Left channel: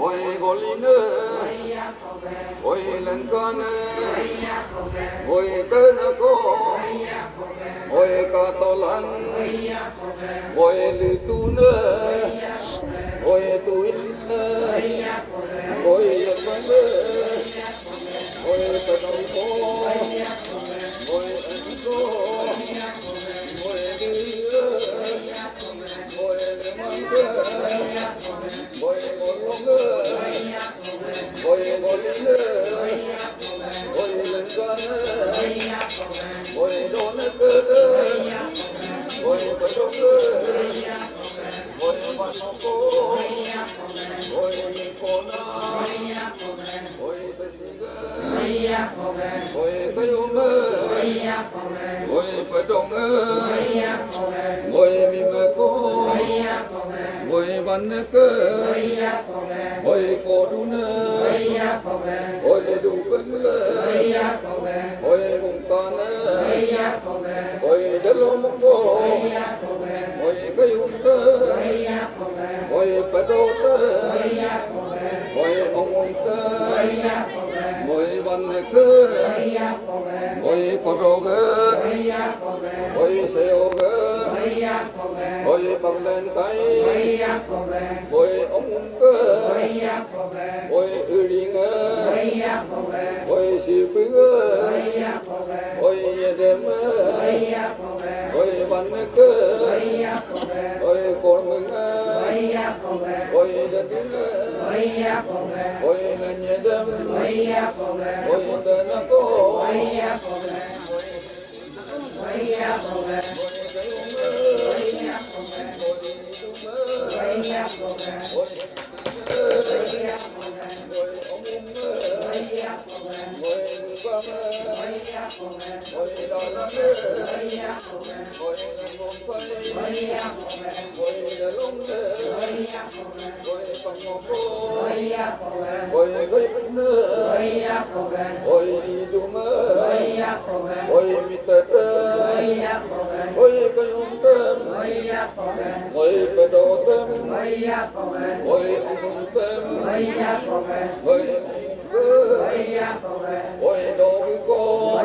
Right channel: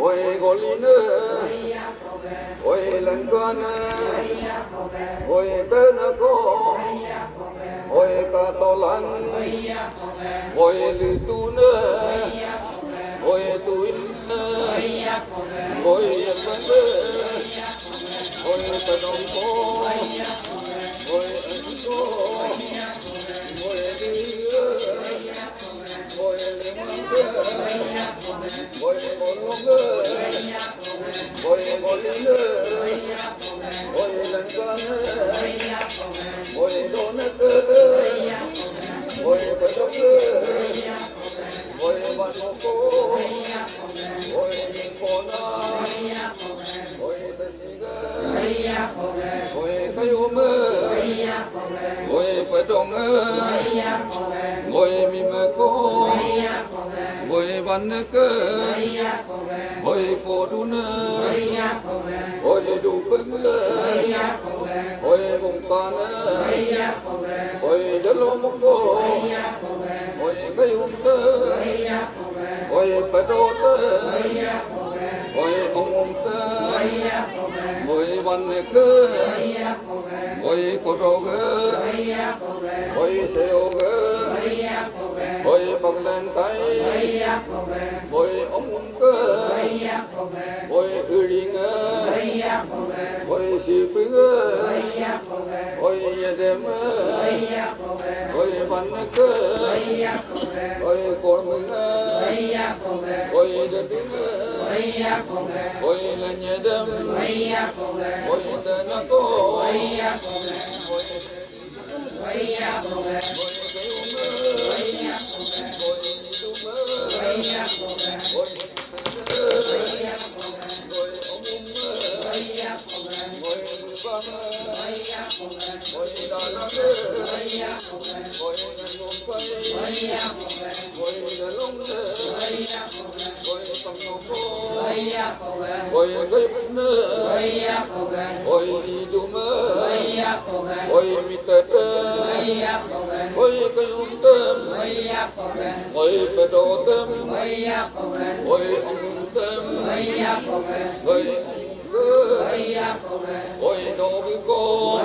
ôi gò lì nơ ôi lần con ôi tơ na cô ôi ca to lăng ôi lư tu nơ ôi tu nơ ôi yên văn nơ ôi ta đông cô ôi ân cô ôi đưa ôi lên nơ ôi ngôn long nơ ôi ngôn nơ ôi lần con ôi đôn nơ ôi ta đông nơ ôi văn cô ôi cô na ôi ta si ga ôi cái mơ ôi phải đông nơ ôi mi mơ cô ôi văn cơ ôi cô đu nơ ôi đủ cưng ôi vùng con ôi đất lô mông cô ôi cái tơ ôi phải đô tơ ôi ông tơ ôi văn cơ ôi cô đô cơ ôi xeo cơ ôi bằng lên tay ôi ông cơ ôi đi ngơ ôi xì phi ngơ ôi đêm ôi văn cơ ôi con mừng ôi đất đi ngơ ôi là nhẹ đêm ôi tên là cô ôi gây nơ ôi đi du mơ ôi mi tơ ôi cái tơm ôi bờ đồ tơm ôi ông tơm ôi ông cơ ôi đồ với cô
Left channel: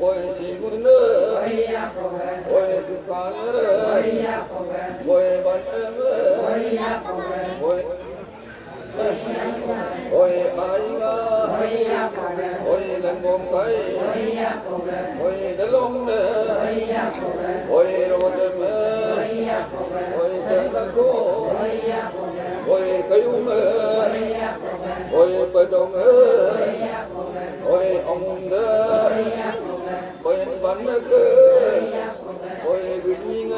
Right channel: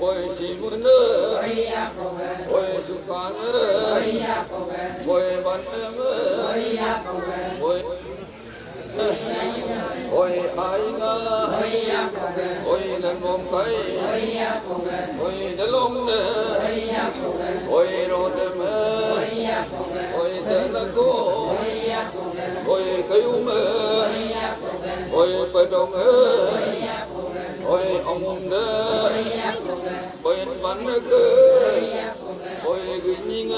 ôi xì mưa nơ ôi su cá nơ ôi ban em ôi ôi ai nga ôi lần mồm cây ôi đá lông nè ôi rô đêm ôi tên là cô ôi cây mơ ôi bờ đông ôi ông đơ ôi văn cơ ôi gửi nhinh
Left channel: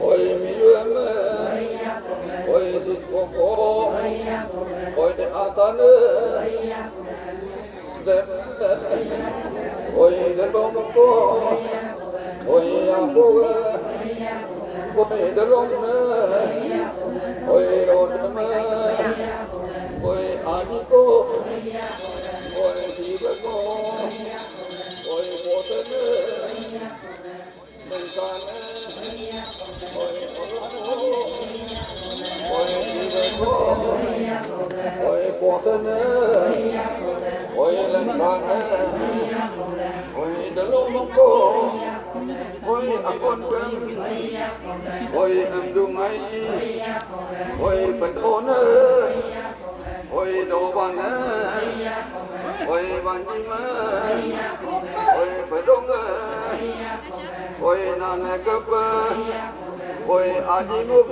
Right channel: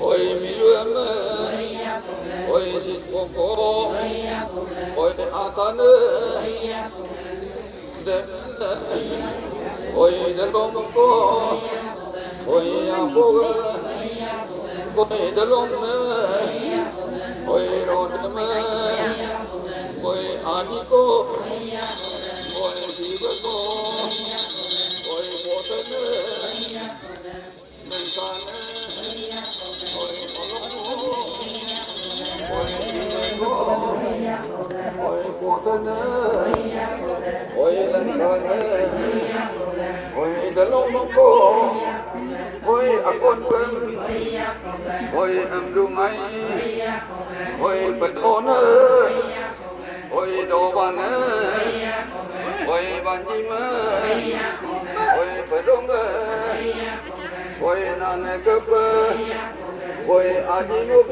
ôi mi lương ôi xịt cô ôi a tan ôi đa lông cô ôi a cô ôi đa lông ôi rô đêm ôi a đi cô ôi đi bờ cô ôi cô tên nên can ôi ôi đi bờ cô ôi cô tên ôi lên can ôi đa lông cô ôi a con cưng ôi em đu ngay ôi bờ đô nơ ôi đồ bàn ôi bàn gì mà ôi bờ đông ôi nàn cấp ôi a di ngốc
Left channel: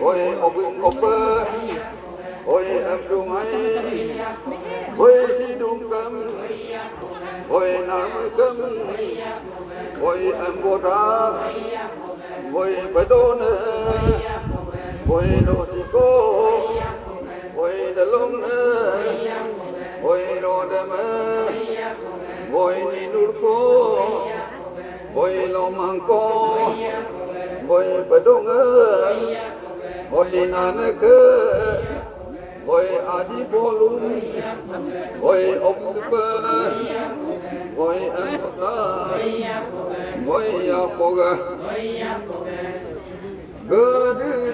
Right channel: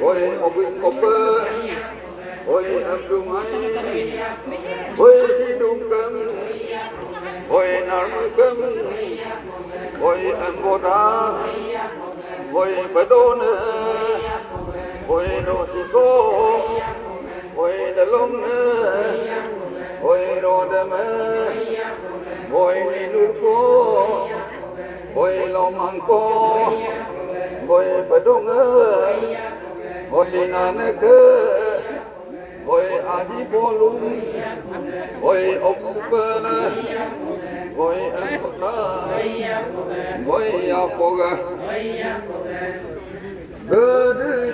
ôi ông ngốc ôi em đu ngay ôi si đum cam ôi nàn cam ôi em vô đá ôi bờ đô ôi đồ si cô ôi đa lông ôi rô đêm ôi ni nur cô ôi lo mang cô ôi bờ đông ôi nàn cơ ôi a di bô lung ôi ông cơ ôi em cô ra ôi a cô ga cơ đưa